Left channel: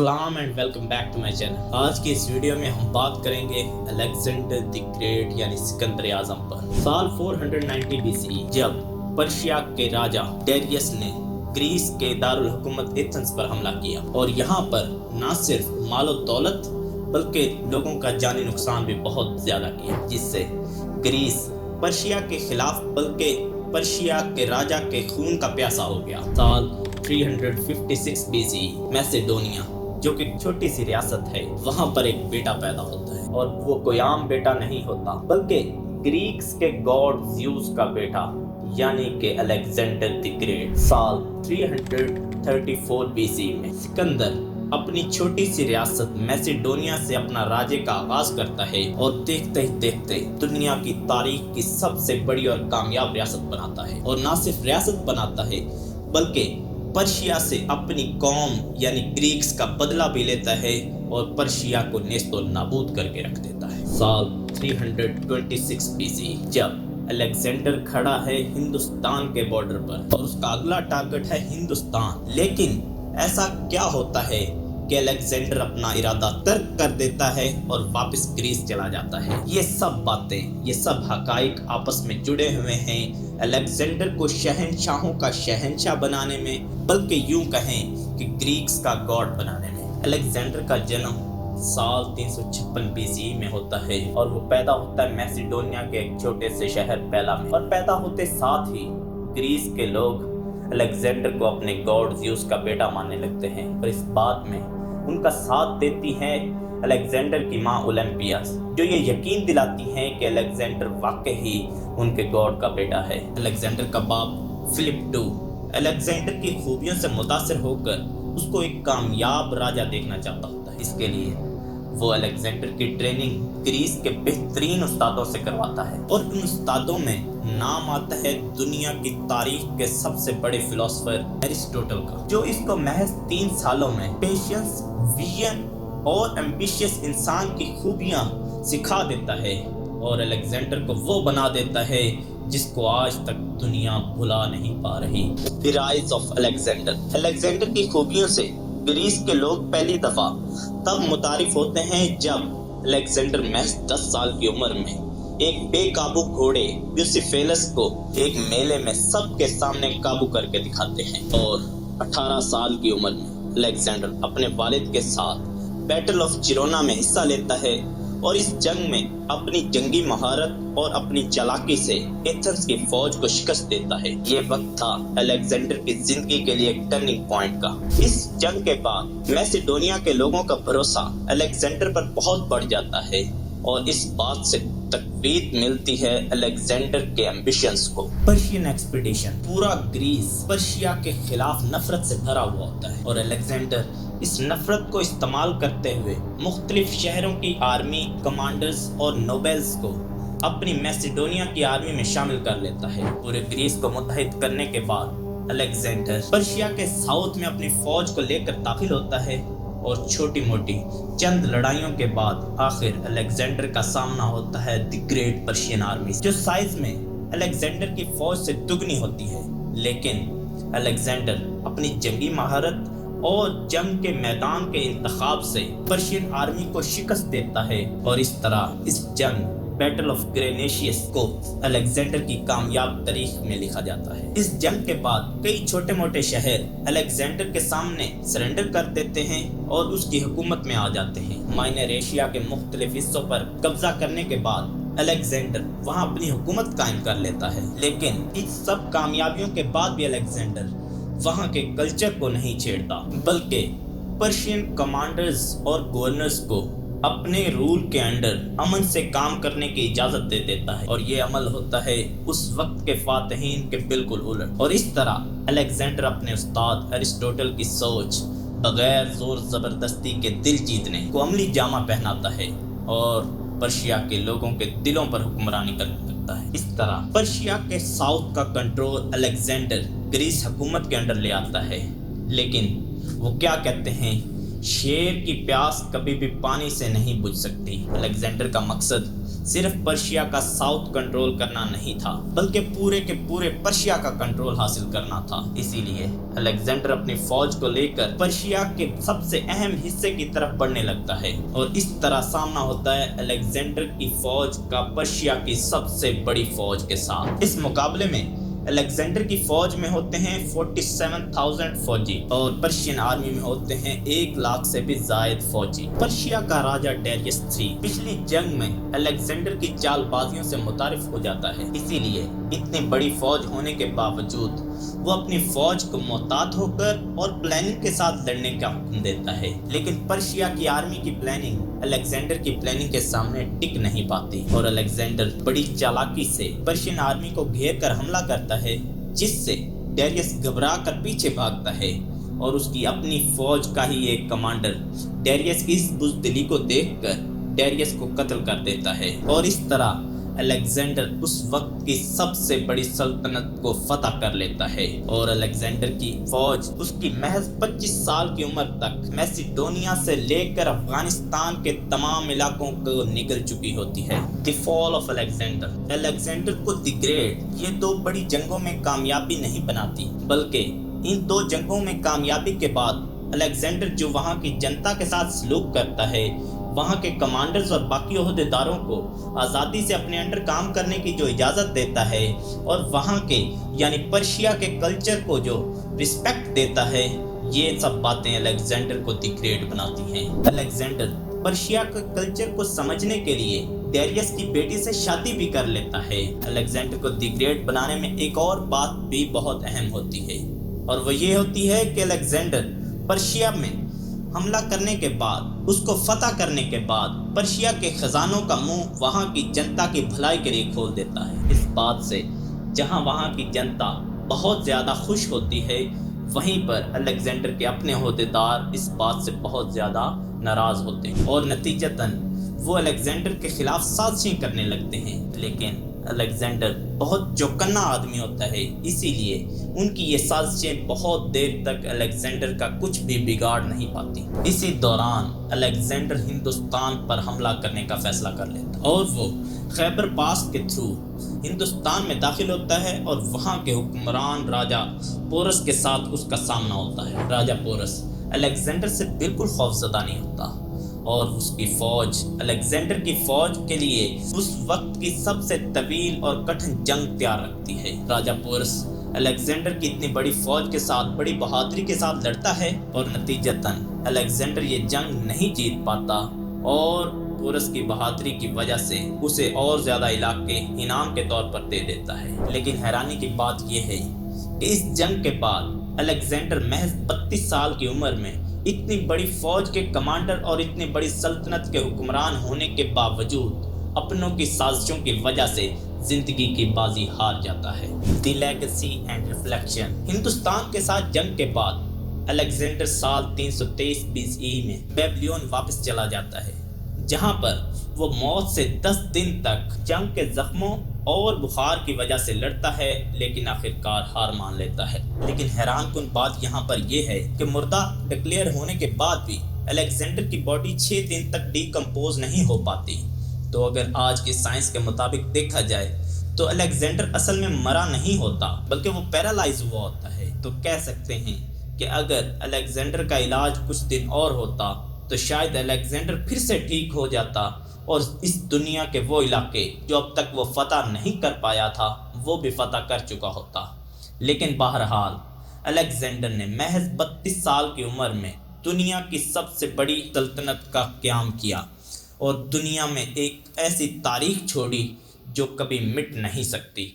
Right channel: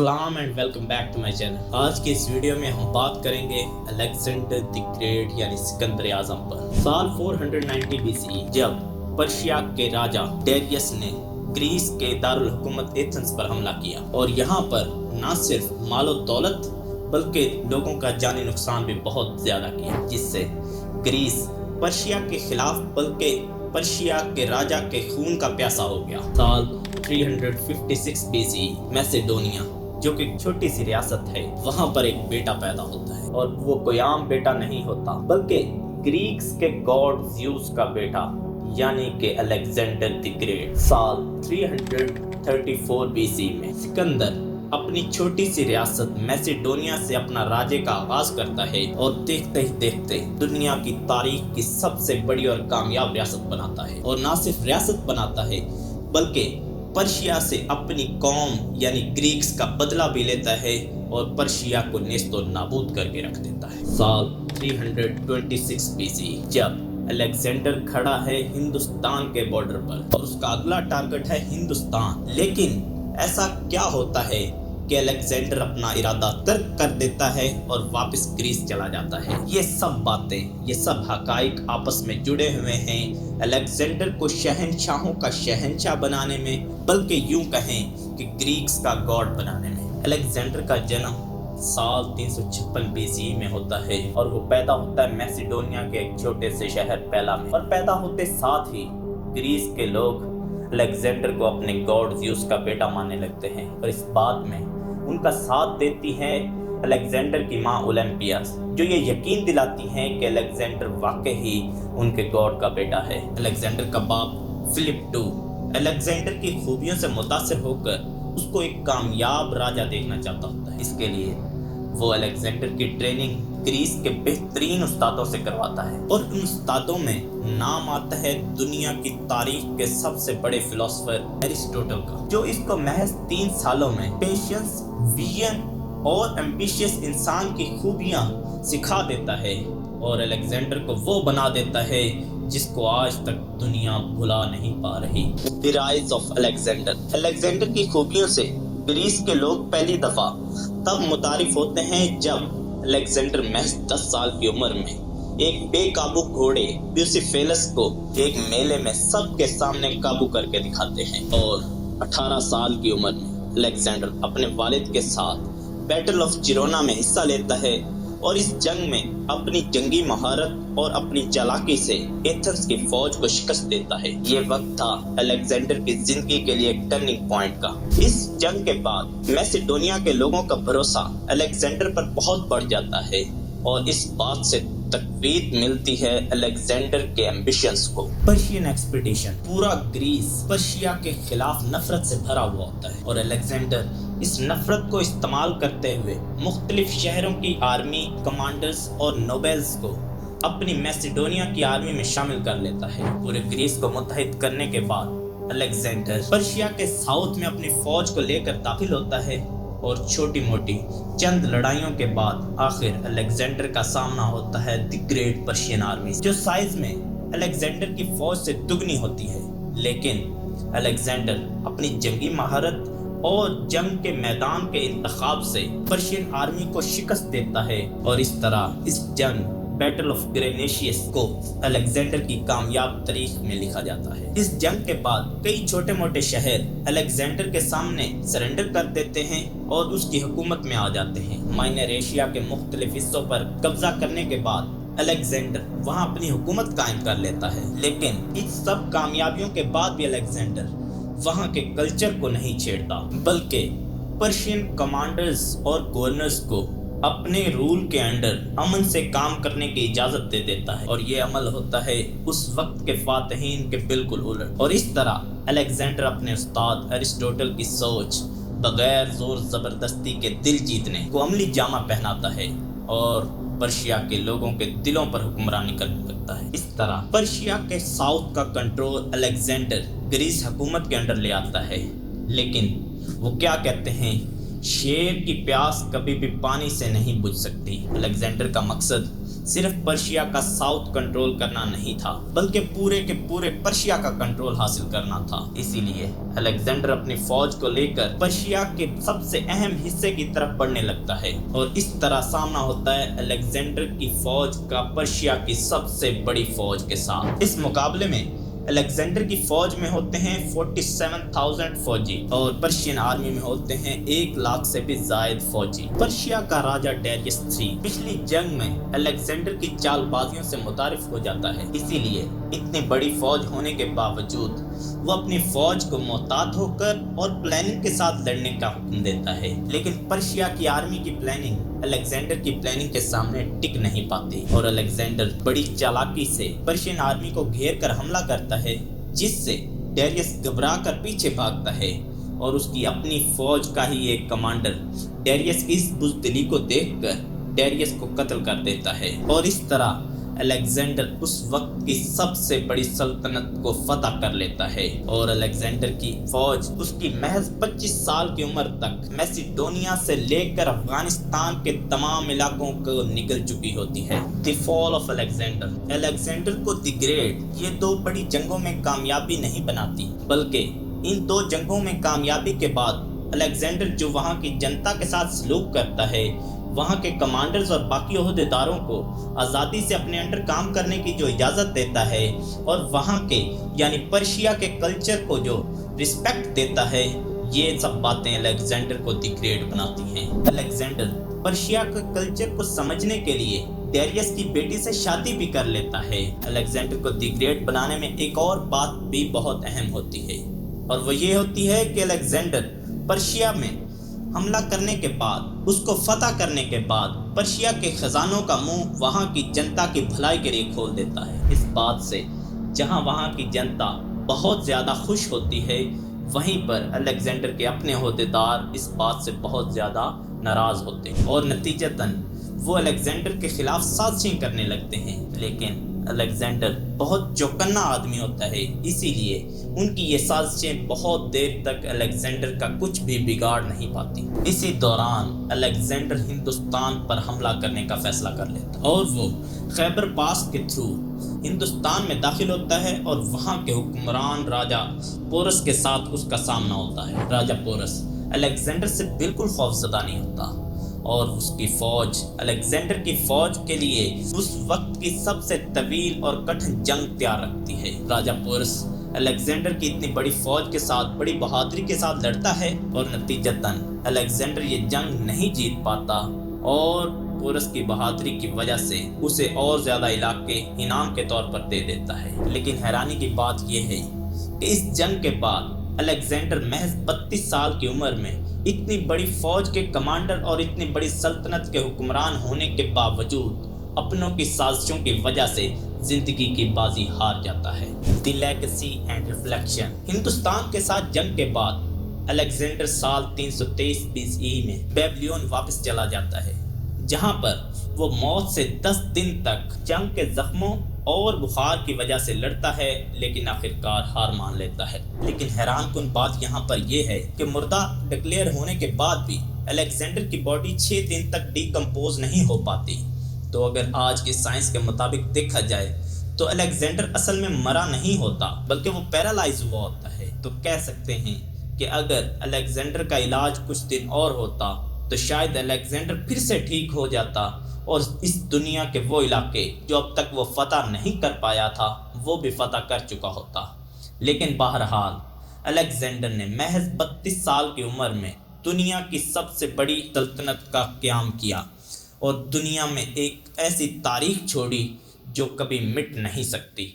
अस्सलाम and welcome back to my channel. आज की इस वीडियो में हम बात करेंगे अलेक्जेंडर द ग्रेट यानी सिकंदर आजम पर। साल 490 बीसी जब पर्शिया के राजा डेरियस ने ग्रीस के दारुल हुकूमत एथेंस पर हमला किया और यहाँ पर न सिर्फ मालो दौलत बल्कि लोगों का जानी नुकसान भी बहुत ज्यादा किया, जिससे ग्रीस पर्शिया के खिलाफ बल्कि पर्शिया के राजा के खून का प्यासा हो गया। साल 356 बीसी मैसेडोनिया जो कि एक छोटी सी रियासत है, वहाँ पर एक बेटा पैदा होता है और वो कोई आम बेटा नहीं होता बल्कि ग्रीक्स के गॉड ज़्यूस का बेटा यानी कि अलेक्जेंडर द ग्रेट। साल 334 बीसी में सिकंदर अपनी छोटी सी रियासत मैसेडोनिया से अपना राज्य का आगाज करता है और देखते ही देखते दुनिया की तारीख की सबसे बड़ी और कामयाब रियासत बनाता है। और ना सिर्फ रियासत बनाता है बल्कि पर्शिया से अपनी कौम यानी ग्रीक्स का बदला भी लेता है और पर्शिया को नेस्तो नाबूद करके रख देता है। साल 326 बीसी जब अलेक्जेंडर खड़ा है हिंदुस्तान के बॉर्डर पर और उसका अगला टारगेट है हिंदुस्तान, लेकिन ऐसा क्या होता है कि अलेक्जेंडर अपना इरादा तर्क कर देता है और वापस ग्रीस चला जाता है। ये सब बातें, ये सब हकाइक आपस में जुड़े हुए हैं अलेक्जेंडर को शहंशाहों का शहंशाह बनाने में, बल्कि यूं कहें कि ग्रीक्स का गॉड बनाने में। अलेक्जेंडर का जन्म साल 356 बीसी में होता है और वो पैदा होता है मैसेडोनिया के एक छोटे से शहर पेला में। और पैदा होते साथ ही ग्रीस के लोग अलेक्जेंडर को अपने गॉड ज़्यूस का बेटा मानने लगते हैं और इस बात में उनका साथ देती है अलेक्जेंडर की मां ओलंपिया, जो ये यकीन दिलाती है कि अलेक्जेंडर वाकई ही उनके गॉड का बेटा है। अलेक्जेंडर का बाप फिलिप II अलेक्जेंडर की खूबियों से मुतासिर होकर उसको एक कामयाब राजा देखना चाहता होता है। इसके लिए वो अलेक्जेंडर की ट्रेनिंग ग्रीस के बेहतरीन उस्तादों से करवाता है और उन उस्तादों में नाम आता है दुनिया की तारीख के सबसे बड़े फिलोसोफर एरिस्टोटल का, जो इसको महज 3 सालों में पेशेंस, विजन और एम्बिशियस इंसान की खूबियां सिखा देता है और अलेक्जेंडर को वो बना देता है जिसको आज तक दुनिया भुला नहीं पा रही। The rise of Alexander. Alexander की खूबियों से ग्रीस के लोग पहली दफा तब मुतारिफ होते हैं जब अलेक्जेंडर महज 10 साल की उम्र में एक बेकाबू घोड़े ब्यूसिफेलस को एक मेले में सबके सामने काबू करके दिखाते हैं। और 18 साल की उम्र में अलेक्जेंडर अपने वालिद के साथ बैटल ऑफ जिरोना में हिस्सा लेता है और इस जंग में अपनी जंगी महारत और अपनी चालाकी से एथेंस की फौज को शिकस्त देता है। ये वक्त था अलेक्जेंडर की जिंदगी के लिए एक टर्निंग पॉइंट का। इस जंग के बाद मैसेडोनिया के लोगों का भरोसा अलेक्जेंडर पर बहुत बढ़ जाता है और इस बात से तकवीत मिलती है अलेक्जेंडर के एम्बिशंस को। Persian expedition. पूरा ग्रीस पर्शिया के खिलाफ नफरत से भरा हुआ होता है और अलेक्जेंडर इस नफरत को इस्तेमाल करते हुए मुख्तलिफ शहरों की आर्मी कमांडर्स और नोबेल्स को अपनी मैसेडोनिया की आर्मी में शामिल कर लेता है। पूरे ग्रीस को मुत्तहिद करने के बाद अलेक्जेंडर पर्शिया के साउथ में अपनी फौज को लेकर दाखिल होता है और छोटी मोटी चंद लड़ाइयों के बाद आखिर अलेक्जेंडर का सामना होता है द ग्रेट पर्शियन आर्मी, जो साइज में अलेक्जेंडर की फौज से दुगनी होती है। लेकिन अलेक्जेंडर अपनी जंगी महारत और जंग के मैदान के इंतखाब से पर्शियन आर्मी को शिकस्त देता है और इस तरह इस जंग बैटल ऑफ ग्रेनेशियस को अलेक्जेंडर की कामयाब तारीख में लिखा जाता है। इस जंग के बाद कई छोटे मोटे शहर अलेक्जेंडर के सामने सरेंडर कर देते हैं और उसकी हुकूमत में आ जाते हैं। माइनर एशिया के मुख्तलिफ हिस्सों पर कब्जा करने के बाद अलेक्जेंडर वहां अपनी हुकूमत कायम कर लेता है। लेकिन इन सब कामयाबियों के बाद भी अलेक्जेंडर वहां के कल्चर को नहीं छेड़ता बल्कि पर्शियन कमांडर्स और गवर्नर्स को अपने रूल के अंडर अमन से काम करने की इजाजत दे देता है और ये अमल होता है उस वक्त के फातहीन के बिल्कुल उलट। और इस तरह अलेक्जेंडर अपने उस्ताद एरिस्टोटल की सोच बगैर जोर जबरदस्ती के दिल जीतने को अमली जामा पहनाता है और पर्शिया के लोगों के दिलों पर हुक्मरानी करता है। इस तरह पर्शिया के साउथ का कंट्रोल अलेक्जेंडर ग्रीस हुकूमत के अंडर ले आता है। लेकिन वो क्या कहते हैं شیر کی پیاس کبھی بھی پانی سے نہیں بجھ سکتی۔ الیگزینڈر کا مقصد صرف پرشیا کا ساؤتھ کنٹرول کرنا نہیں تھا، بلکہ پورے کے پورے پرشیا کا کنٹرول حاصل کرنا تھا۔ اسی لیے الیگزینڈر اپنی فوج کو لے کر پرشیا کے سب سے اہم حصے کی طرف بڑھنے لگتا ہے، اور اس طرح سامنا ہوتا ہے الیگزینڈر کی فوج کا پرشیا کی سب سے بڑی فوج کے ساتھ۔ اس مقابلے میں الیگزینڈر کی فوج میں ہوتے ہیں 47,000 فوجی، اور پرشین آرمی میں ہوتے ہیں 1 لاکھ سے بھی زائد فوجی۔ پرشیا کا راجہ ڈیریس III پچھلی جنگ میں الیگزینڈر کی چال بازیوں سے متعارف ہو جاتا ہے، اسی لیے اتنی بڑی فوج ہونے کے باوجود وہ اپنی فوج کو محتاط ہو کر اور پلاننگ کے ساتھ لڑنے کا حکم دیتا ہے۔ لیکن پرشیا کی آرمی کی پلاننگ الیگزینڈر کی پلاننگ کے سامنے ٹک نہیں پاتی، اور الیگزینڈر بڑی چالاکی سے پرشین آرمی کو گھیر کر حملہ کرتا ہے، جس سے ڈیریس گھبرا کر پیچھے بھاگتا ہے، اور اس کی اپنی فوج کا ہی ایک کمانڈر ڈیریس کی اس بزدلی کو دیکھ کر ڈیریس کو قتل کر دیتا ہے، اور اس طرح الیگزینڈر اس وقت کی سب سے بڑی سلطنت کو فتح کر لیتا ہے۔ اور الیگزینڈر کی فوج اس کی محض 25 سال کی عمر تک میسیڈونیا سے لے کر افغانستان کے تمام علاقوں کو نکل چکی ہوتی ہے۔ دی فال آف الیگزینڈر، الیگزینڈر کو دی گریٹ یہ 2 بڑی جنگوں میں کامیابی نہیں بناتی، بلکہ ان 2 جنگوں میں کامیابی کے بعد الیگزینڈر جو وہاں کی جنتا کے ساتھ سلوک کرتا ہے، وہاں کے کمانڈرز اور باقی عہدیداروں کو آزادی سے اپنے انڈر کام کرنے کی جو اجازت دیتا ہے، اور وہاں کے یعنی پرشیا کے کلچر کو جو رسپیکٹ دیتا ہے، یہ سب باتیں الیگزینڈر کو دی گریٹ بناتی ہیں۔ الیگزینڈر پرشیا کے کلچر کو سمجھنے کے لیے ڈیریس کی بیٹی سے شادی بھی کر لیتا ہے۔ الیگزینڈر کو دی گریٹ بنانے میں ایک اور بات بھی بہت اہم ہوتی ہے، اور وہ یہ ہوتی ہے کہ الیگزینڈر پرشیا میں حملہ کرنے کے بعد، اس کو فتح کرنے کے بعد، پرشیا کے خزانوں کا منہ وہاں کی جنتا کی بھلائی کے لیے کھول دیتا ہے۔ اس بات سے جہاں وہاں کی جنتا بہت زیادہ خوش ہوتی ہے، وہیں پر الیگزینڈر کے اپنے عہدیدار اس بات سے بہت زیادہ ناراض ہوتے ہیں، اور نتیجتاً وہ الیگزینڈر کے خلاف سازشیں کرنے لگتے ہیں۔ لیکن الیگزینڈر بہت چوکنا آدمی ہوتا ہے، اسی لیے ان کی یہ سازشیں بہت دیر تک الیگزینڈر کا کچھ بھی بگاڑ نہیں پاتی۔ اسی دوران الیگزینڈر ہندوستان پر حملہ کرنے کا فیصلہ کر لیتا ہے، اور وہ خیبر پاس کے تھرو ہندوستان میں داخل ہوتا ہے، اور وہاں کے حکمران راجہ پورس کے ساتھ اس کا سامنا ہوتا ہے۔ راجہ پورس الیگزینڈر سے بالکل خوفزدہ نہیں ہوتا، اور اس کی فوج الیگزینڈر کی فوج کے لیے اس وقت کی سب سے طویل اور کٹھن جنگ تیار رکھتی ہے۔ راجہ پورس الیگزینڈر کی اتنی بڑی فوج کے ساتھ بڑی بہادری کے ساتھ لڑتا ہے، اور نتیجتاً الیگزینڈر یہ جنگ نہیں جیت پاتا، اور پورس کی بہادری کی وجہ سے اسے اور زیادہ علاقے انعام کے طور پر دے دیتا ہے۔ لیکن حیرانی کی بات یہ ہے کہ اس جنگ کے بعد الیگزینڈر محض 32 سال کی عمر میں اتنی بڑی فوج کے کمانڈر اور اتنی بڑی سلطنت کے حکمران ہونے کے باوجود اپنوں کی سازشوں کی وجہ سے زندگی کی بازی ہار جاتا ہے۔ دی لیگیسی اینڈ ریفلیکشن، ہندوستان کے ساتھ جنگ کے بعد الیگزینڈر سال 323 BCE میں بیبلون واپس چلا جاتا ہے، جہاں پر وہ موت سے 10 دن تک جنگ کے زخموں اور بخار کی وجہ سے لڑتا ہے، لیکن آخرکار ہار مان لیتا ہے۔ لیکن حیران کن بات یہاں پر یہ ہے کہ مردہ ڈکلیئر ہونے کے بعد بھی الیگزینڈر کی باڈی 6 دن تک ڈیکمپوز نہیں ہو پاتی۔ تو اگر آج کی سائنس کے مطابق دیکھا جائے تو الیگزینڈر اصل میں مرا نہیں ہوتا، بلکہ وہ پیرالائز ہوا ہوتا ہے۔ تو کہہ سکتے ہیں کہ اگر الیگزینڈر کا علاج کچھ دن اور ہوتا تو شاید الیگزینڈر پھر سے ٹھیک ہو جاتا، اور اس دنیا کے وہ علاقے جو اب تک وہ فتح نہیں کر پایا تھا، وہ بھی فتح کر چکا ہوتا۔ لیکن بہرحال الیگزینڈر نے محض 32 سال کی عمر میں دنیا کی سب سے بڑی سلطنت کا قیام کیا، اور دنیا میں ایک ایسی تاریخ چھوڑی جو کبھی مٹ نہیں سکتی۔